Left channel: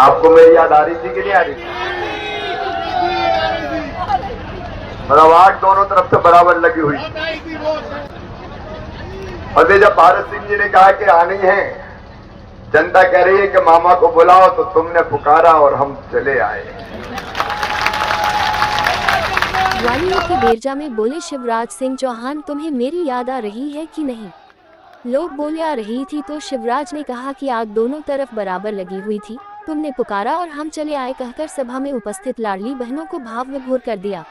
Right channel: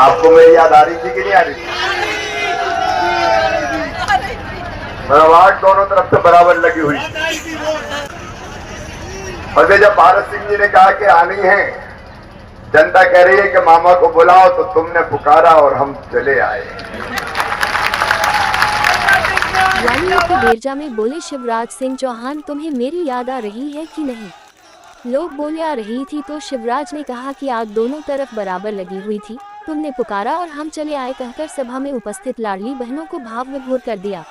आपको मेरी याद आ रही थी कि नहीं आ रही थी? मतलब आग दोनों तरफ से बराबर लगी हुई। और जब भारत सिंह जी ने कहा कि आनी है, जनता कह रही है कि मामा को बुलाओ, तो तुमने पुकारा और हम चले आए। ग्वालियर के बेरजा में बोले शिवराज सिंह चौहान, तुम्हें मेरी याद आ रही है कि नहीं? लोग बोले आ रही थी, तो शिवराज ने कहा कि आग दोनों तरफ बराबर लगी हुई थी, तुमने पुकारा और हम चले आए, कहकर सभा में उपस्थित लाडली बहनों को भाव विभोर कर दिया।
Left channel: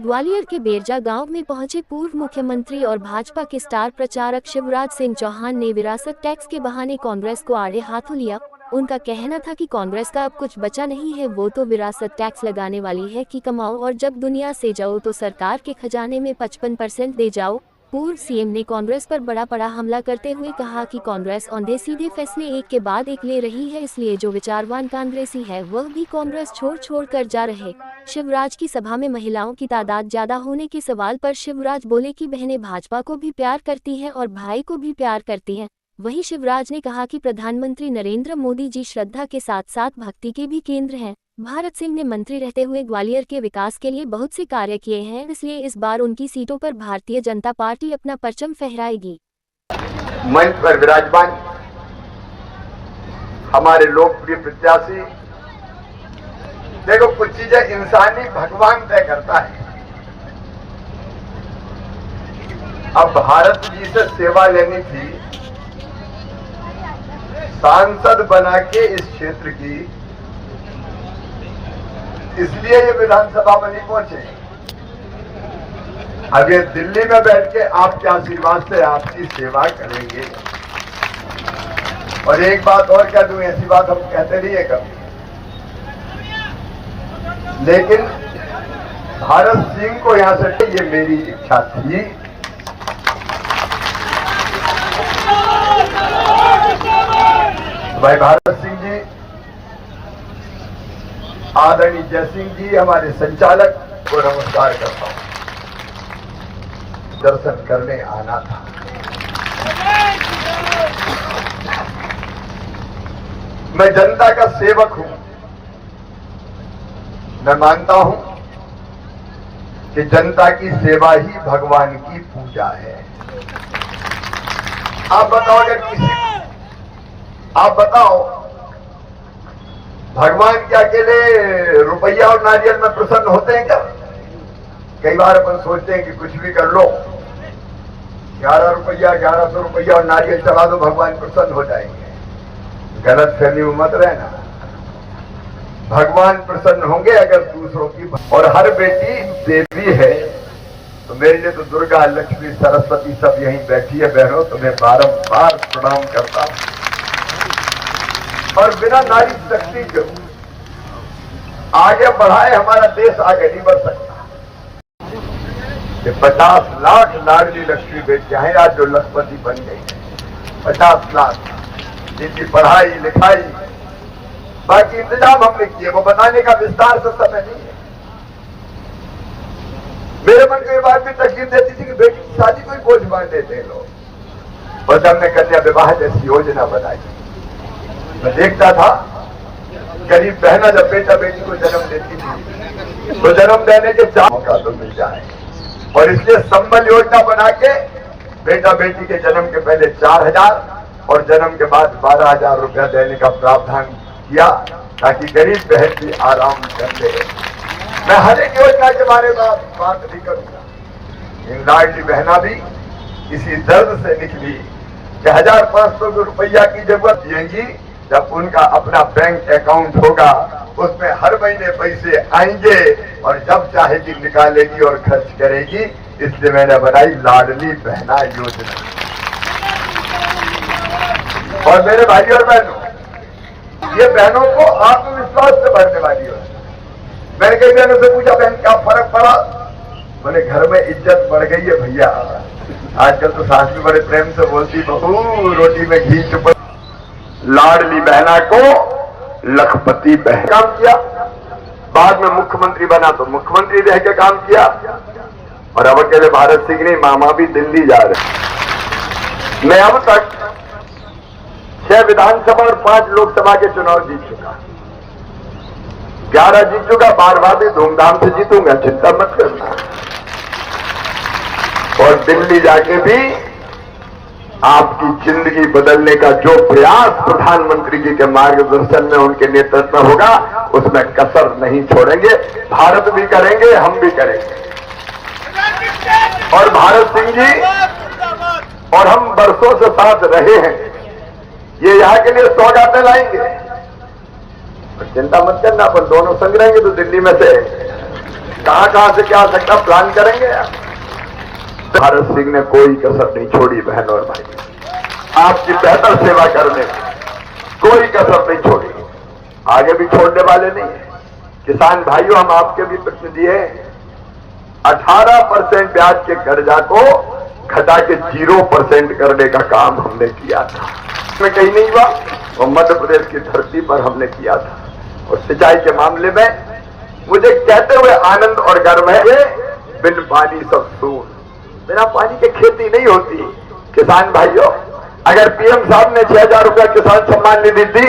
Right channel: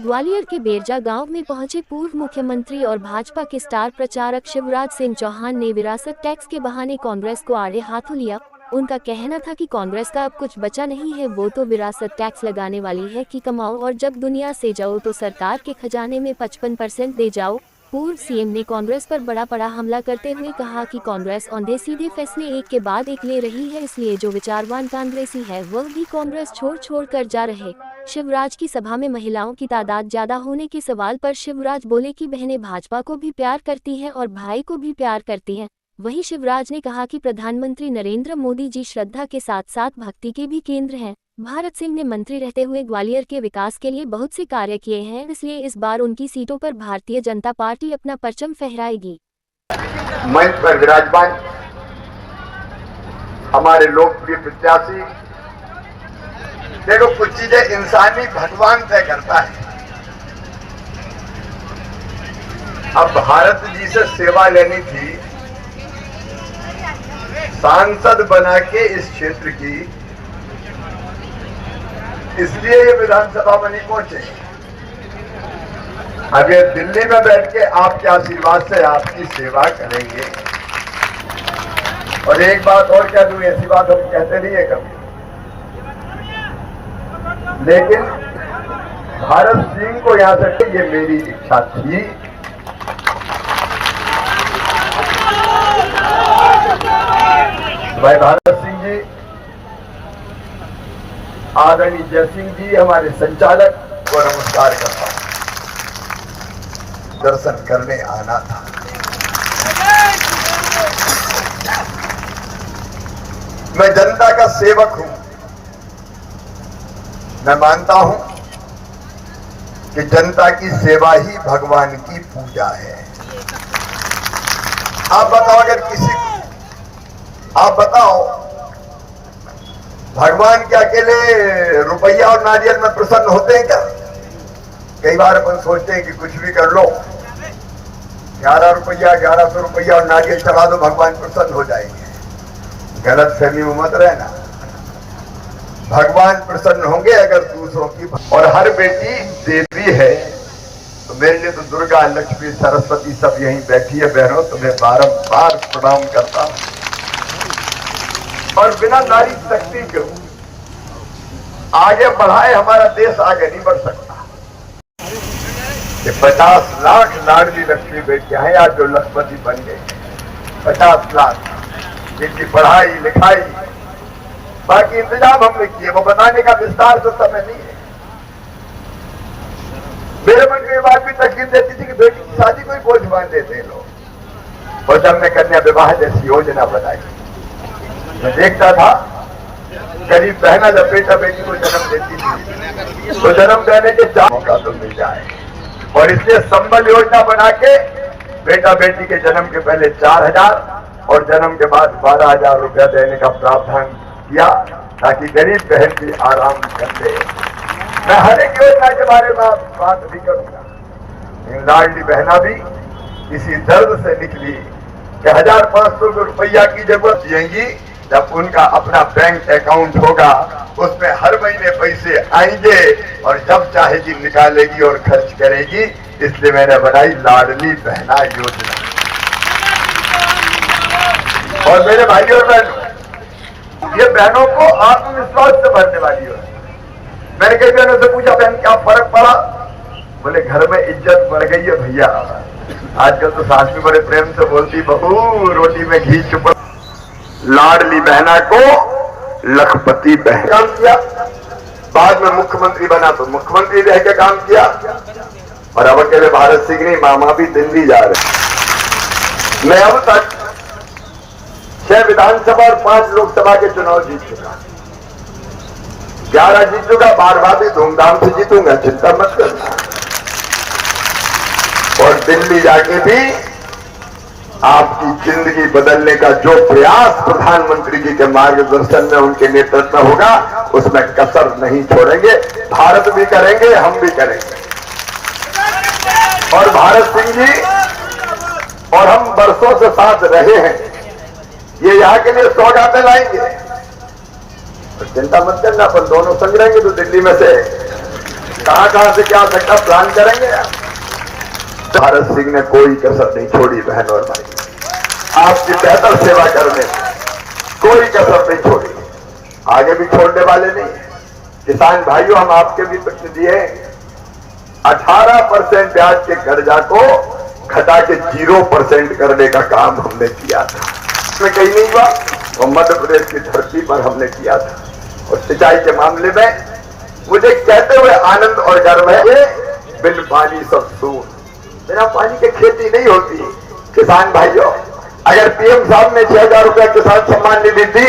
ग्वालियर के बेरजा गांव में पहुंचे पूर्व मुख्यमंत्री और भाजपा के स्टार प्रचारक शिवराज सिंह चौहान ने विरासत टैक्स के बहाने कांग्रेस को आड़े हाथों लिया। उनका कहना था कि कांग्रेस का अब कुछ बचा नहीं है, वो तो विरासत टैक्स लगाने वाली है कि कमाओ और जब दुनिया से जाओ तो सरकार के खजाने में 55% दे जाओ। पूर्व सीएम ने कांग्रेस पर बड़ा हमला करते हुए कहा कि कांग्रेस औंधे सीधे फैसले एक के बाद एक ले रही है, इसलिए जो विचारवान कांग्रेसी है वह भी कांग्रेस छोड़ कर जा रहे। शिवराज की सभा में महिलाओं की तादाद ज्यादा होने के सवाल पर शिवराज बोले कि बहनें भाजपा को भी प्यार करती हैं और भाई को भी प्यार करती हैं। वहीं शिवराज ने कहा कि प्रधानमंत्री नरेंद्र मोदी जी श्रद्धा के साथ साथ भक्ति के भी केंद्र हैं। भारत सिंह ने मंत्री रहते हुए ग्वालियर के विकास के लिए बहुत से कार्य किए हैं, इसलिए इस बार उनकी सीटों पर भारतीय जनता पार्टी अपना परचम फहराएगी। मंच पर विराजमान हमारे लोकप्रिय प्रत्याशी, देखो कुछ चीजें इंसानी भगवान तय करता है। अब भारत जी से सेवा लेनी थी, सांसद बना के इस क्षेत्र की, इसलिए ये विधानसभा में नहीं पहुंचे। अब ये दिल्ली में बैठ के आपके आशीर्वाद से आपकी सेवा करेंगे। और एक बात और कह दूं, ऐसी बात हम कहते नहीं है कभी, लेकिन भारत सिंह को यहां से, ये मेरी इच्छा थी। भाई भारत सिंह जी, आदरणीय जय सिंह जी हमारे संचालक को नमस्कार करता हूं। दर्शन करने आना था। मैं जनता का सेवक हूं। मैं मानता हूं कि जनता की सेवा ही भगवान की पूजा है। आप बताओ, अगर आप बताओ, भगवान के अकेले रुपया और नारियल में प्रसन्न होते हैं क्या? कई बार अपन सोचते हैं कि कुछ भी कर लो, 11 रुपया 1100 रुपया और नारियल चढ़ा दो, भगवान प्रसन्न हो जाएंगे। गलत फहमी में मत रहना। भगवान प्रसन्न होंगे अगर दूसरों की, और हर बेटी देवी है। तो मेरे लिए तो दुर्गा, लक्ष्मी, सरस्वती सब यहीं बैठी है। बहनों, तुम्हें बारंबार प्रणाम करता हूं। और बिना नारी शक्ति के आगे बढ़ाए हमारा देश आगे नहीं बढ़ सकता। ये 50 लाख लाडली लक्ष्मी बेटियां हैं आज जो लखपति बन गई है। 50 लाख, जिनकी पढ़ाई लिखाई, बाकी इंतजाम हमने किए, वो बताने का विस्तार से समय नहीं है। मेरे मन को ये बात भी तकलीफ देती थी कि बेटी की शादी को ही बोझ मान देते हैं लोग। और हमने कन्या विवाह जैसी योजना बनाई। मैं देखता था गरीब बहना जब बेटा बेटी को जन्म देती थी तो जन्म देने के 4 मौका तो मिल जाए, और इसलिए संबल योजना बना के बेटा बेटी के जन्म के पहले 4000 और जन्म के बाद 12000 रुपया देने का प्रावधान किया, ताकि गरीब बहन भी आराम कर ले। मैं हर एक योजना के बारे में बात भी करूंगा। लाडली बहना भी इसी दर्द से निकली कि 1500 रुपया की जरूरत जिएंगी जब उनका अपना बैंक अकाउंट होगा, उसमें हर महीने पैसे आएंगे और जब चाहेगी निकालेगी और खर्च करेगी। इसलिए मैंने बनाई लाडली बहना योजना। और मेरे भाई और बहनों, ये बहनों को आत्मविश्वास से भरने वाली योजना। मैंने कई बहनों से पूछा, बहन क्या फर्क पड़ा? बोले घर में इज्जत बढ़ गई है भैया। आजकल तो सास भी बड़े प्रेम से बोलती, बहू रोटी में घी चुप। लाडली बहना को लखपति बहन काम किया, बाद में मुख्यमंत्री बना तो मुख्यमंत्री रह के काम किया। और अब अकेले भारत सिंह नहीं, मामा भी दिल्ली जा रहे। मैं अब तक 6 विधानसभा और 5 लोकसभा के चुनाव जीत चुका। 11 जीतूंगा, 12वां भी धूमधाम से जीतूंगा, चिंता मत करना। और दिल्ली जाके भी आपकी जिंदगी बदलने का जो प्रयास प्रधानमंत्री जी के मार्गदर्शन में, उनके नेतृत्व में होगा, उसमें कसर नहीं छोड़ेंगे। भारत भी करेंगे, हम भी करेंगे। और भारत सिंह जी और हम बरसों से साथ रहे हैं, ये यहाँ के लिए सौगातें लाएंगे, तो चिंता मत करना। अपन दोनों संग रहेंगे तो दिल्ली में से कहां से क्या सकता प्लान करेंगे। तो भारत सिंह ने कोई कसर नहीं छोड़ी बहन और भाई, आपकी बेहतर सेवा करने में कोई कसर नहीं छोड़ी, आगे भी छोड़ने वाले नहीं। किसान भाइयों, हम आपके भी प्रतिनिधि हैं। 18% ब्याज के कर्जा को घटा के 0% करने का काम हमने किया था। इसमें कहीं नहीं हुआ, वो मध्य प्रदेश की धरती पर हमने किया था। और सिंचाई के मामले में मुझे कहते हुए आनंद और गर्व है, ये बिन पानी सब सून, बिना पानी के खेती नहीं होती। किसान भाइयों, अगर पीएम साहब ने 6000 रुपया किसान सम्मान निधि दी,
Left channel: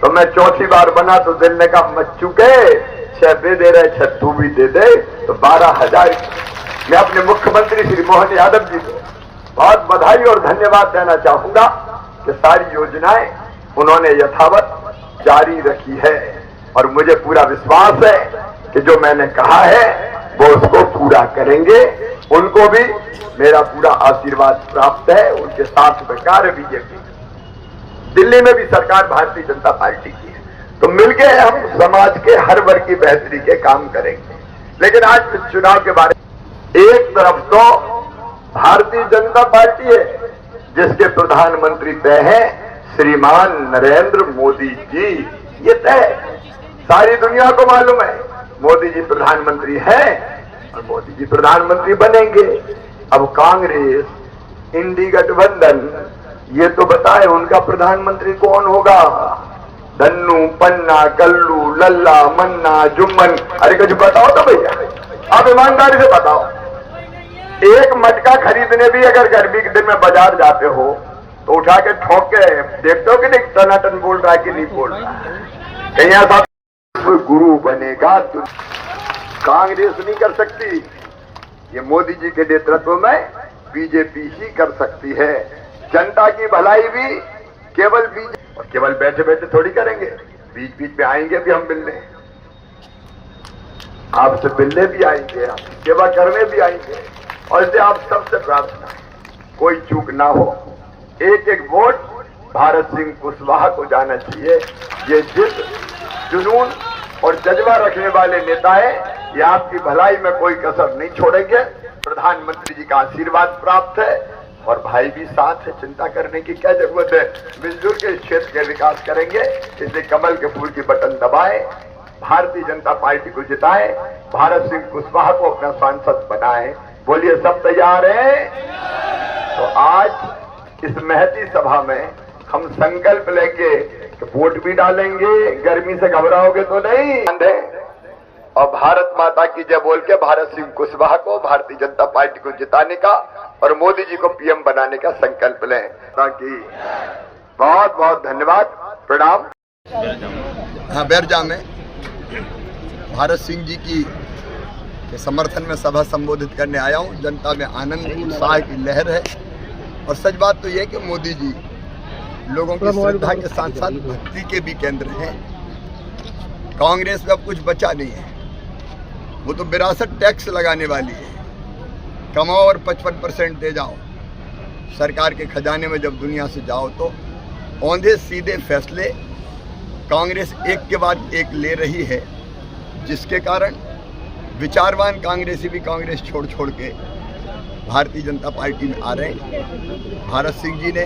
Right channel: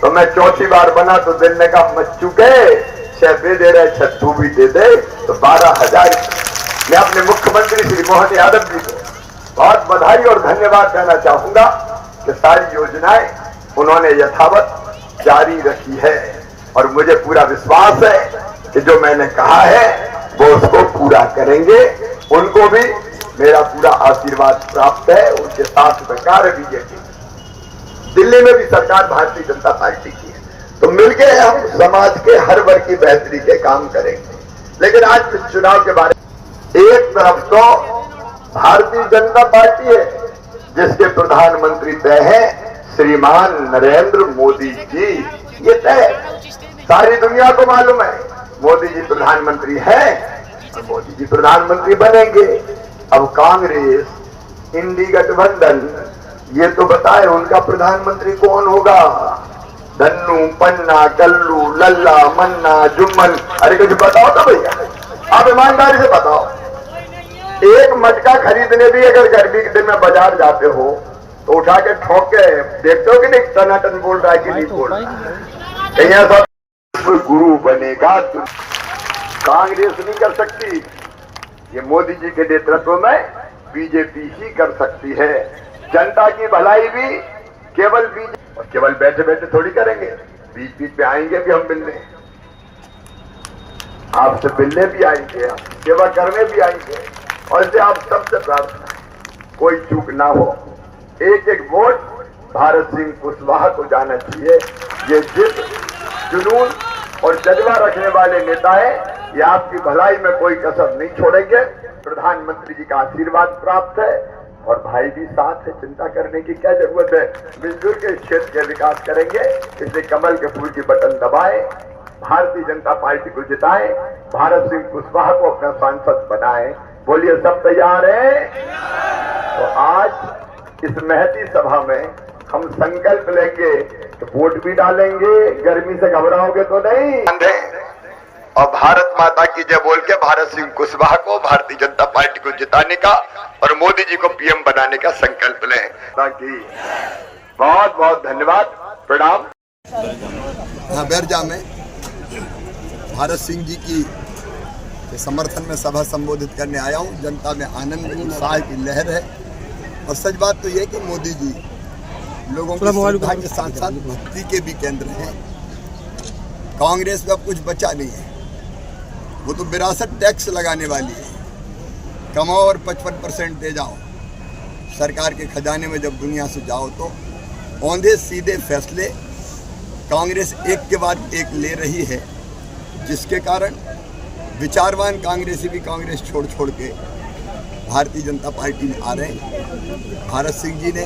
तो मैं चौथी बार बना तो दिन का मच चुके, छह दे रहे, छत्तू भी दे दे, तो 12,000। मैं अपने मुख्यमंत्री श्री मोहन यादव जी को बहुत बधाई और धन्यवाद देना चाहूंगा कि सारी योजनाएं उन्होंने यथावत जारी रखी है। और मुझे पूरा विश्वास है कि जो मैंने कहा है वो उसको पूरा करेंगे। उनको भी मेरा पूरा आशीर्वाद प्राप्त है, उनके साथ में कार्य बीजेपी, दिल्ली में भी सरकार भारतीय जनता पार्टी की है, तो मिलके हम समाज के हर वर्ग की बेहतरी के काम करेंगे। लेकिन आज इस चुनाव के बारे में एक तरफ तो भारतीय जनता पार्टी है, जिसके प्रधानमंत्री तय है श्रीमान नरेंद्र मोदी जी, ये तय सारी दुनिया को मालूम है। मोदी जी प्रधानमंत्री हैं और मोदी जी प्रधानमंत्री बनेंगे। अब कांग्रेस, इंडी गठबंधन, ये तो बताए उनका प्रधानमंत्री कौन होगा। धन्नू, पन्ना, कल्लू, लल्ला, मन्ना, जुम्मन, अरे कुछ बताओ तो भैया, आप ईमानदारी से बताओ। एक मटका खरीदने भी अगर गर्मी के दिन में बाजार जाते हो तो उठा के ठोक के देखते हो कि नहीं टनाटन बोल रहा है कि नहीं बोल रहा है। कहीं ऐसा गुरु बनेगा तो कांग्रेस नहीं कर सकती, ये मोदी जी के नेतृत्व में बीजेपी ही कर सकती है। जनता की भलाई भी केवल बीजेपी, और केवल बैठे बैठे थोड़ी करेंगे, बीच बीच में आएंगे भी हम मिलने, आपसे मिलने भी आएंगे, सेवा करने भी आएंगे। और इससे आप सबसे प्रार्थना है कोई चूक ना हो, एक एक वोट भारत सिंह कुशवाहा को जाना चाहिए। ये जिद, जुनून और जज्बा रखने वाले नेता है, ये आपकी भलाई में कोई कसर नहीं छोड़ेंगे। प्रधानमंत्री जी का आशीर्वाद प्राप्त है और भाई भी साथ है, चिंता करने की क्या जरूरत है। मिलजुल के इस क्षेत्र के विकास करेंगे, इसलिए कमल के फूल की बटन दबाएं, भारतीय जनता पार्टी को जिताएं, भारत सिंह कुशवाहा को अपना सांसद बनाएं। बोलिए सब तैयार हैं? तो आज इस महती सभा में हम संकल्प लेंगे कि वोट भी डालेंगे, गर्मी से घबराओगे तो नहीं, और भारत माता की जय बोल के भारत सिंह कुशवाहा को, भारतीय जनता पार्टी को जिताने का और मोदी जी को पीएम बनाने का संकल्प लें। ताकि बहुत बहुत धन्यवाद, प्रणाम। हाँ, बैरजा में भारत सिंह जी की के समर्थन में सभा संबोधित करने आया हूँ। जनता में आनंद, उत्साह की लहर है। और सच बात तो यह है कि मोदी जी लोगों की श्रद्धा के साथ साथ भक्ति के भी केंद्र हैं। कांग्रेस में अब कुछ बचा नहीं है, वो तो विरासत टैक्स लगाने वाली है। कमाओ और 55% दे जाओ। सरकार के खजाने में जब दुनिया से जाओ तो औंधे सीधे फैसले कांग्रेस एक के बाद एक ले रही है, जिसके कारण विचारवान कांग्रेसी भी कांग्रेस छोड़ छोड़ के भारतीय जनता पार्टी में आ रहे हैं। भारत सिंह जी ने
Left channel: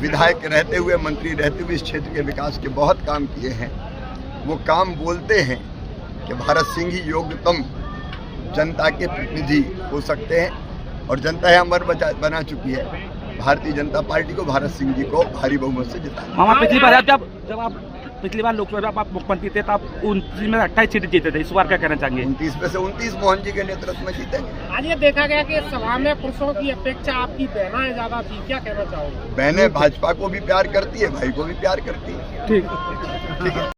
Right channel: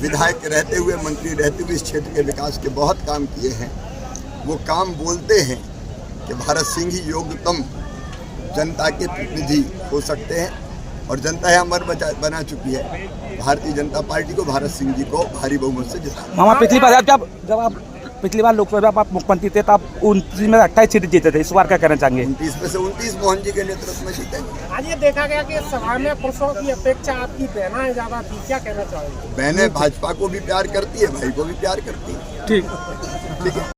विधायक रहते हुए, मंत्री रहते हुए इस क्षेत्र के विकास के बहुत काम किए हैं। वो काम बोलते हैं कि भारत सिंह ही योग्यतम जनता के प्रतिनिधि हो सकते हैं, और जनता है अमर बना चुकी है। भारतीय जनता पार्टी को, भारत सिंह जी को भारी बहुमत से जिताया। पिछली बार जब आप पिछली बार लोकसभा आप मुख्यमंत्री थे तो आप 29 में 28 सीटें जीते थे, इस बार क्या कहना चाहेंगे? 29 में से 29 मोहन जी के नेतृत्व में जीतेंगे। आज ये देखा गया कि सभा में पुरुषों की अपेक्षा आपकी बहनें ज्यादा थी, क्या कहना चाहोगे? बहनें भाजपा को भी प्यार करती है, भाई को भी प्यार करती है। ठीक है।